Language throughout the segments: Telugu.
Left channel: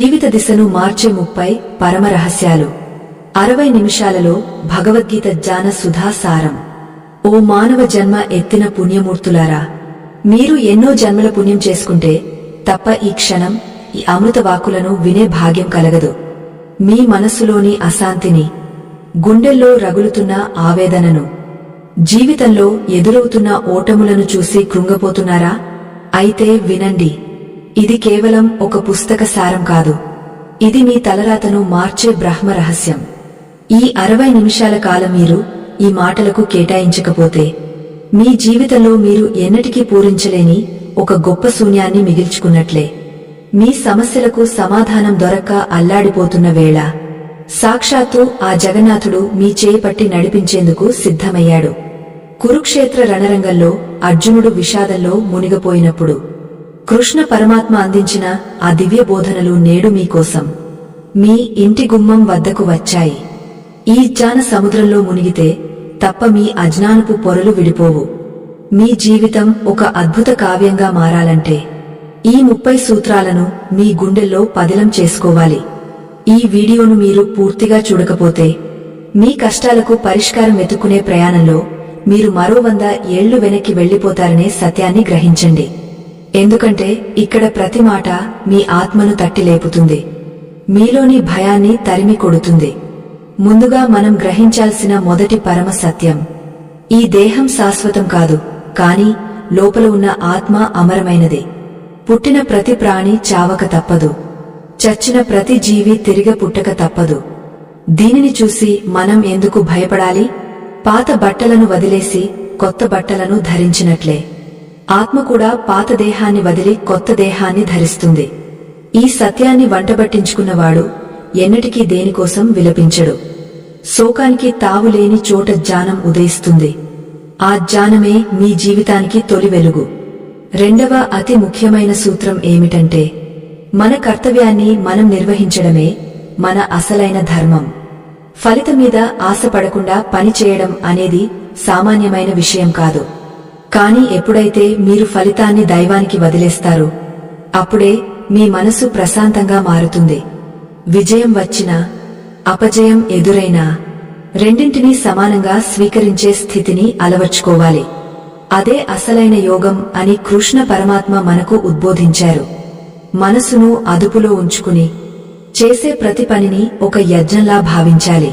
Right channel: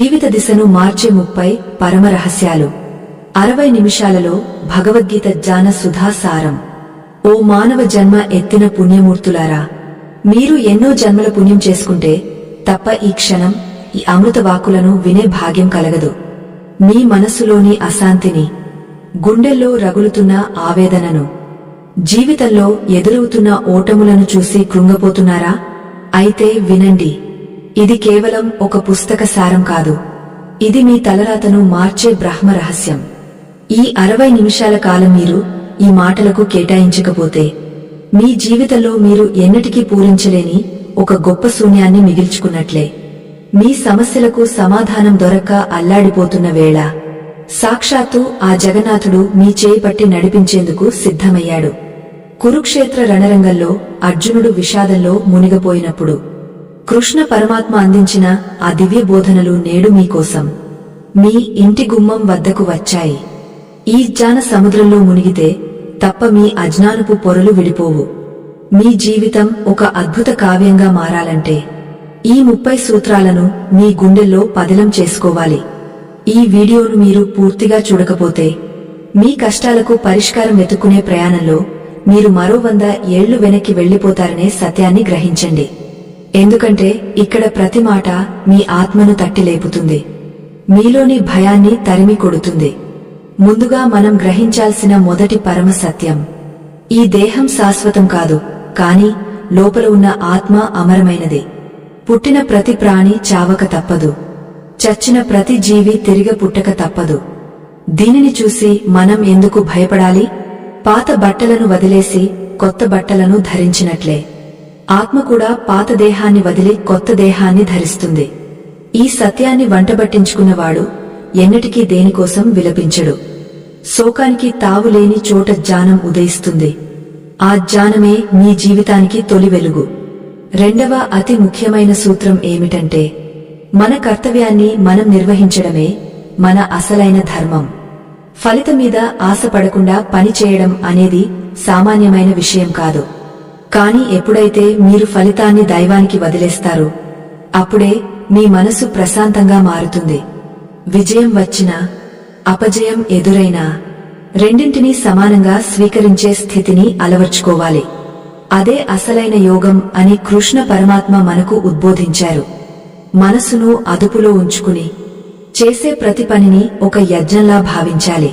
జీవిత దిశను మార్చే 30 పరమ రహస్యాలు 60 నిమిషాలలో భగవద్గీత జ్ఞాన సుధా సారం. ఓ మానవ జన్మ ఎత్తిన పుణ్యమూర్తులారా, మీరు ఎన్నో జన్మల పుణ్యం చేసుకుంటే తప్ప ఈ క్షణం ఈ అమృత వాక్కులను వినే భాగ్యం కలగదు. మీ మనస్సులోని అశాంతిని, గుండెల్లో రగులుతున్న ఆవేదనను, జీవితంలో ఎదురవుతున్న ఓటములను చూసి కృంగపోతున్నారా? అయితే వినండి, ఇది కేవలం ఒక పుస్తక సారం కాదు. ఇది మీ తలరాతను మార్చే బ్రహ్మ రహస్యం. ఈ 60 నిమిషాల కాలం మీరు ఈ మాటలకు కేటాయించకపోతే మీ జీవితంలో మీరు ఎన్నటికీ పూరించలేని ఒక గొప్ప శూన్యాన్ని మిగిల్చుకున్నట్లే. మీ సమస్యలకు సమాధానం దొరక్క అల్లాడిపోతున్న వేళ సాక్షాత్తు ఆ జగన్నాథుడు మీ చేయిపట్టి నడిపించేందుకు సిద్ధమయ్యాడు. కురుక్షేత్ర రణరంగంలో అర్జునుడు విషాదంలో మునిగిపోయినప్పుడు కృష్ణ పరమాత్మ అందించిన ఆ దివ్య బోధనలు నేడు మీకోసం మీ ఇంటి గుమ్మం వద్దకు వచ్చాయి. ఈ జ్ఞాన సముద్రంలో మునిగితే తప్ప మీ అజ్ఞానపు పొరలు విడిపోవు. మీ జీవితం ఒక అద్భుత కావ్యంగా మారాలంటే ఈ 30 సూత్రాలను మీ గుండెల్లో పదిలం చేసుకోవాలి. ఈ వీడియోను మీరు పూర్తిగా చూడకపోతే మీ కష్టాలకు పరిష్కారం వెతుక్కునే ప్రయాణంలో మీరు మరో 100 ఏళ్లు వెనక్కి వెళ్లిపోతారనే సత్యాన్ని గ్రహించండి. ఎందుకంటే ఇక్కడ ప్రతి మాట మీ ఆత్మను తట్టిలేపుతుంది, మీలోని భయాన్ని తరిమి కొడుతుంది. ముందుగా మనం గ్రహించాల్సిన మొదటి పరమ సత్యం: ఈ దేహం శాశ్వతం కాదు, కాని లోపల ఉన్న ఆత్మ అమరమైనది. పుట్టిన ప్రతి ప్రాణి చావక తప్పదు, చచ్చిన ప్రతి జీవి తిరిగ పుట్టక తప్పదు. దీనిని చూసి మనం ఎందుకు భయపడాలి? పాత బట్టలను వదిలేసి కొత్త బట్టలను ధరించినట్లే ఆత్మ కూడా పాత దేహాన్ని వదిలి కొత్త దేహాన్ని ధరిస్తుంది. ఈ సత్యాన్ని వంటబట్టించుకున్నవాడు ఎన్నటికీ దేనికోసం విలపించడు. శోకానికి తావులేని చోట జ్ఞానం ఉదయిస్తుంది. ఆ జ్ఞానమే మీ జీవితానికి తొలి వెలుగు. రెండవ అతి ముఖ్యమైన సూత్రం ఏమిటంటే, మన కర్తవ్యాన్ని మనం నిర్వహించడమే మన అసలైన ధర్మం. ఫలితం మీద ఆశపడకుండా పనిచేయడం అనేది సామాన్యమైన విషయం కాదు. కానీ ఎప్పుడైతే మీరు ఫలితాన్ని దైవానికి వదిలేస్తారో అప్పుడే మీ మనసు ప్రశాంతంగా మారుతుంది. విజయం వచ్చినా అపజయం ఎదురైనా రెండింటినీ సమానంగా స్వీకరించే స్థితిని అలవర్చుకోవాలి. అదే అసలైన యోగం అని కృష్ణ పరమాత్మ మనకు ఉద్బోధించారు. మనసును అదుపులో ఉంచుకుని చేసే ప్రతి పనిని ఒక యజ్ఞంలా భావించాలి.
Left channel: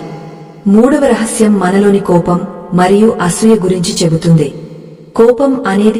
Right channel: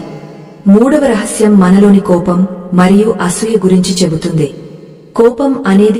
మూడవ రహస్యం మనలోని కోపం మరియు అసూయ గురించి చెబుతుంది. కోపం అనేది